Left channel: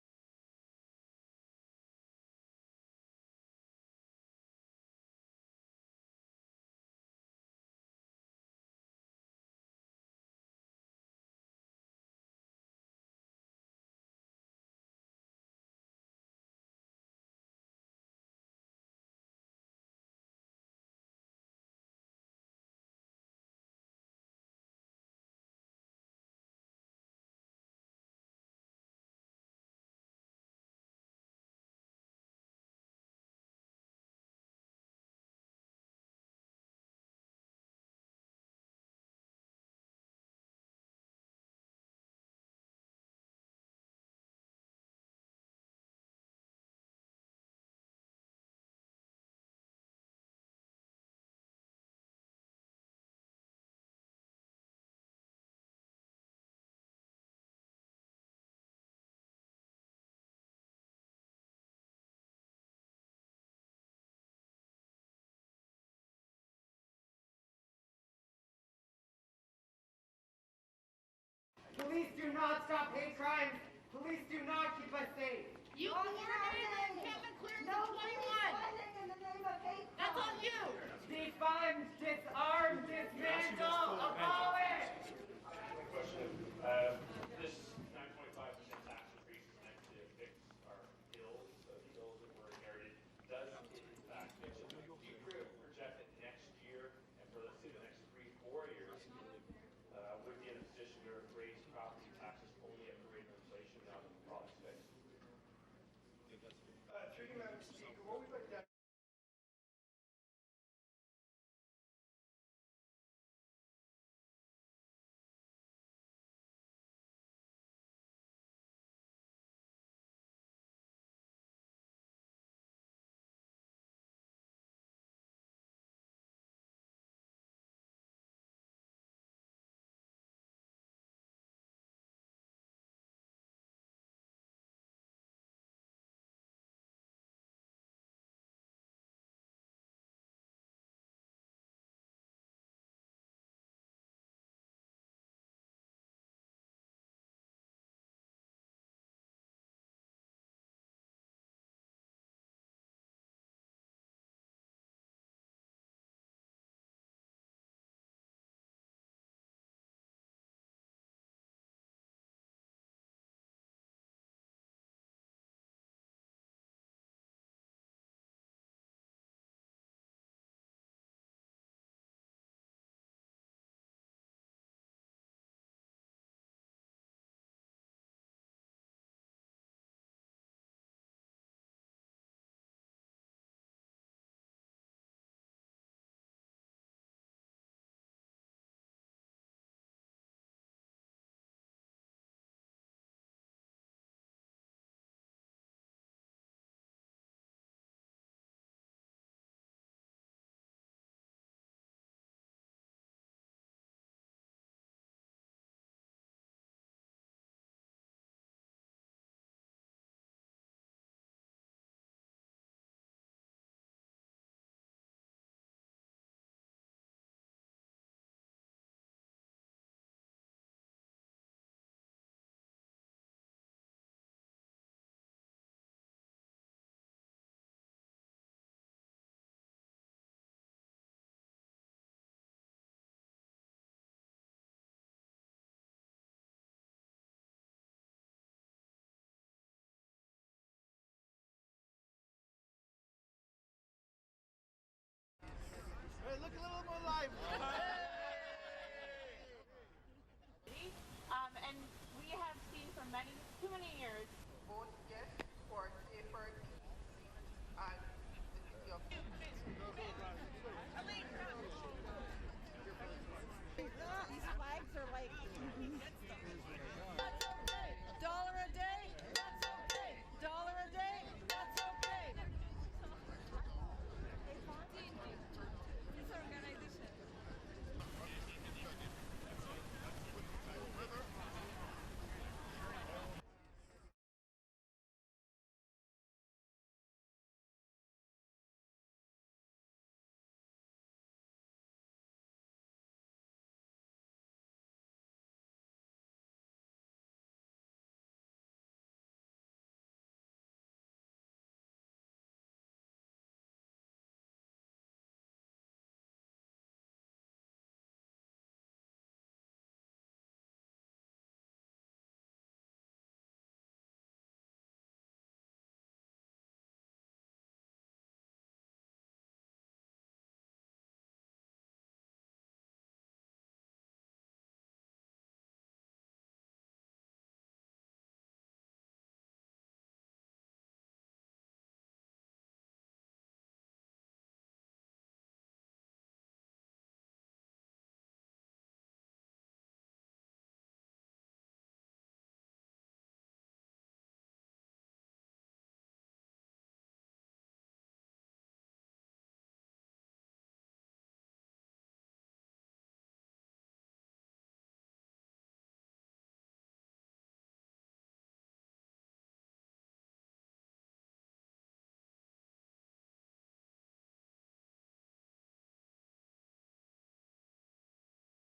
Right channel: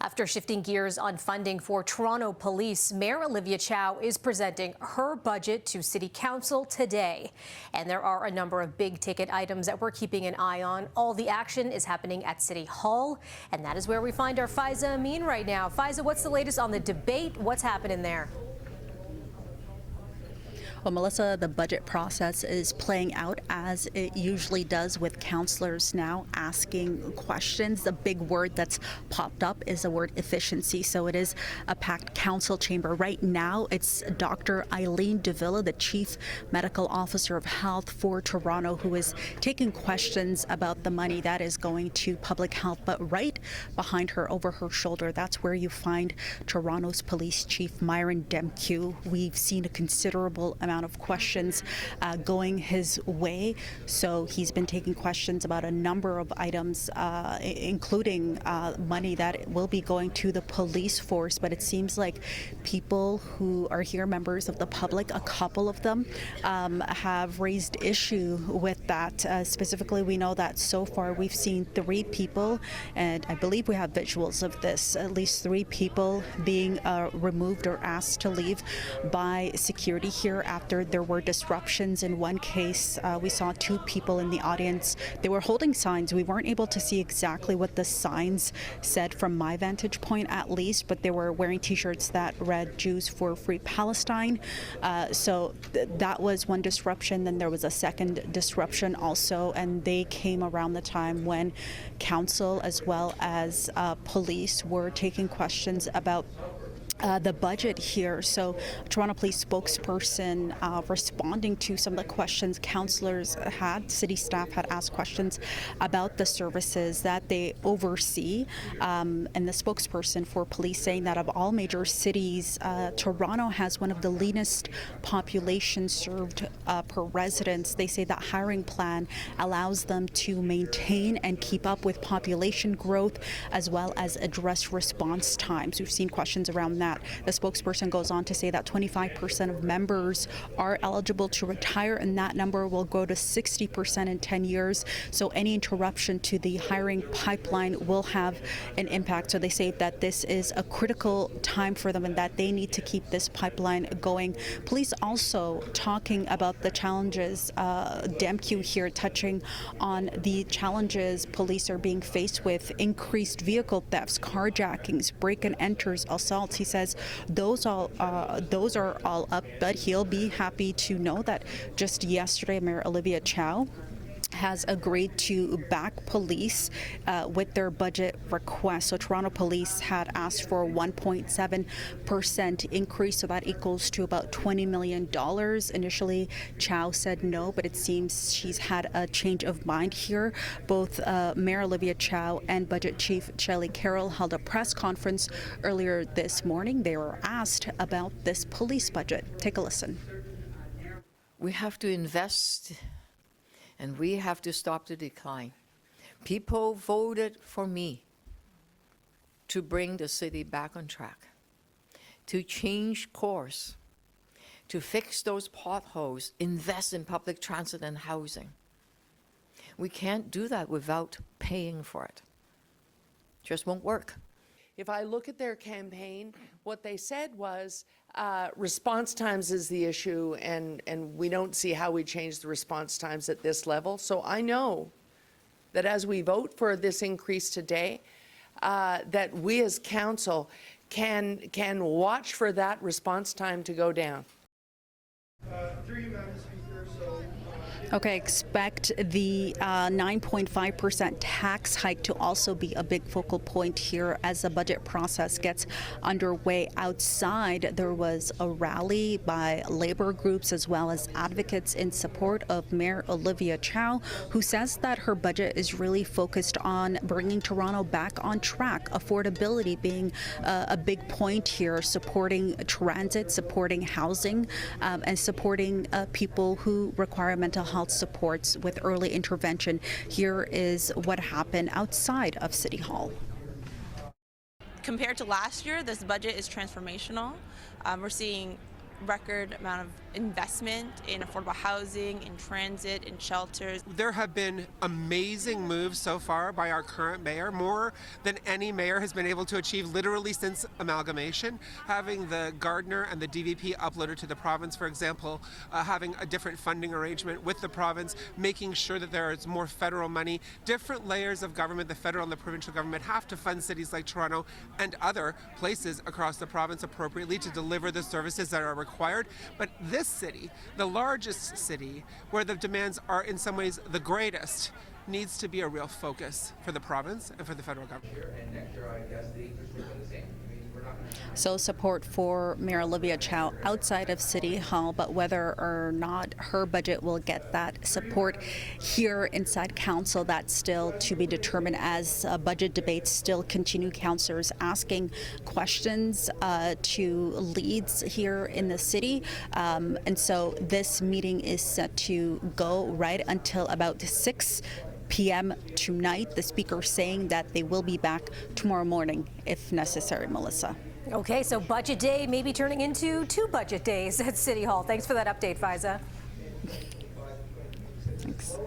After shifting gears on funding for Toronto Police, Mayor Olivia Chow is presenting her budget to City Council today. And there are a number of big-ticket items that we're keeping an eye on. All the action is happening at City Hall, and that is where we find our Faiza Amin right now. Faiza, what's the latest on the debate? What's happening there? Well, Melissa, the budget process is playing out as it usually does, with councillors now asking questions. The big word that's popped up is the word efficiency. So it is a packed council chamber. Right now, it's Dr. Eileen Davila, the Chief Medical Officer of Health for Toronto, who is taking questions about the money that is going to public health. But right behind her, over her shoulder, that's where you find Toronto's Police Chief Myron Demkew. We've seen a considerable amount of questions going his way. So he's been taking questions about a number of items, including money that will be going to the police force. But it seems like people who are here, members of the public, a couple of them have raised issue with that. Specifically, we know that so far we've seen 3 people, and I believe we have visuals of this, at least 3 people being removed or asked to leave by security here after there were disruptions. In one case, we saw 2 people in the audience. They were holding signs. We weren't able to see exactly what the signs said from my vantage point, at least, but they were wearing t-shirts that read "Jews for Free Palestine." So that was one disruption. Then there was a second disruption also, and they came around the time when council as well as police were taking questions about the budget here. So Toronto Police spokesperson responding to some of the questions councillors had, city staff had asked questions about the services that they oversee. And the spokesperson for police saying that of all major cities, Toronto has one of the leanest populations served per residents. They say that hiring plan allows them to maintain and keep up with population growth as well as address response times. We've seen questions around that. The spokesperson goes on to say that 25% of members are eligible to retire, and that number will go to 60% in 10 years. So any interruption to the hiring pipeline will have an impact. So they say that this is a critical time for them and that they need to keep this pipeline going. Police also talking about the challenges, Demkew here touching on the challenges police are being faced with: increased vehicle thefts, carjackings, break and enters, assaults. He says those are all up, but he'll be happy to know that just yesterday Mayor Olivia Chow has agreed to back police with their budget request. So Toronto Police had asked for a 1.7% increase, so that equals to about $20 million. Initially, Chow said no, but it seems she's had a change of mind here. Both Mayor Olivia Chow and Budget Chief Shelley Carroll held a press conference earlier this morning. They were asked about this police budget. Take a listen. We have to invest, and we have to stop the decline. People voted for me to bring the city back on track, to change course, to fix those potholes, invest in public transit and housing. We can't do that without paying for it. Just won't work. If I look at their campaign, what they said was response times is the issue, and we don't see how we change the response times at this level. So I know that as we vote for this increase today, that we as council can watch for that response time to go down. Okay, expect the 9.5% tax hike to also be a big focal point here as the budget process gets underway. Outside, there was a rally by labor groups as well as advocates in support of Mayor Olivia Chow, who says that her budget is really focused on bringing Toronto back on track, affordability being a big point here, supporting transit, supporting housing, and supporting people who require mental health supports with early intervention. Here is what happened outside of City Hall. Compared to last year, this budget is transformational. We're seeing record amount of investment in affordable housing, in transit, in shelters. There have been amazing moves so far by our current mayor, more than any mayor has been able to achieve literally since amalgamation. Having the Gardner and the DVP uploaded to the province, for example, having a different funding arrangement with the province, making sure that there is more federal money. Different layers of government, the federal and the provincial government, have to fund cities like Toronto and other places across the province appropriately to deliver the services that are required. But this city, the largest city, where the demands are in some ways the greatest, needs to be a real focus for the province and for the federal government. So support for Mayor Olivia Chow outside of City Hall, but whether or not her budget will get that support here inside Council, that's still to be determined as budget debates still continue. Councillors asking questions to leads here in the city. And so this meeting is set to go right until about 6 p.m. tonight. The speaker saying that they will be back tomorrow morning if necessary, Melissa. Okay, so budget day may be turning into 2 budget days at City Hall. Thanks for that update, Faiza. Thanks.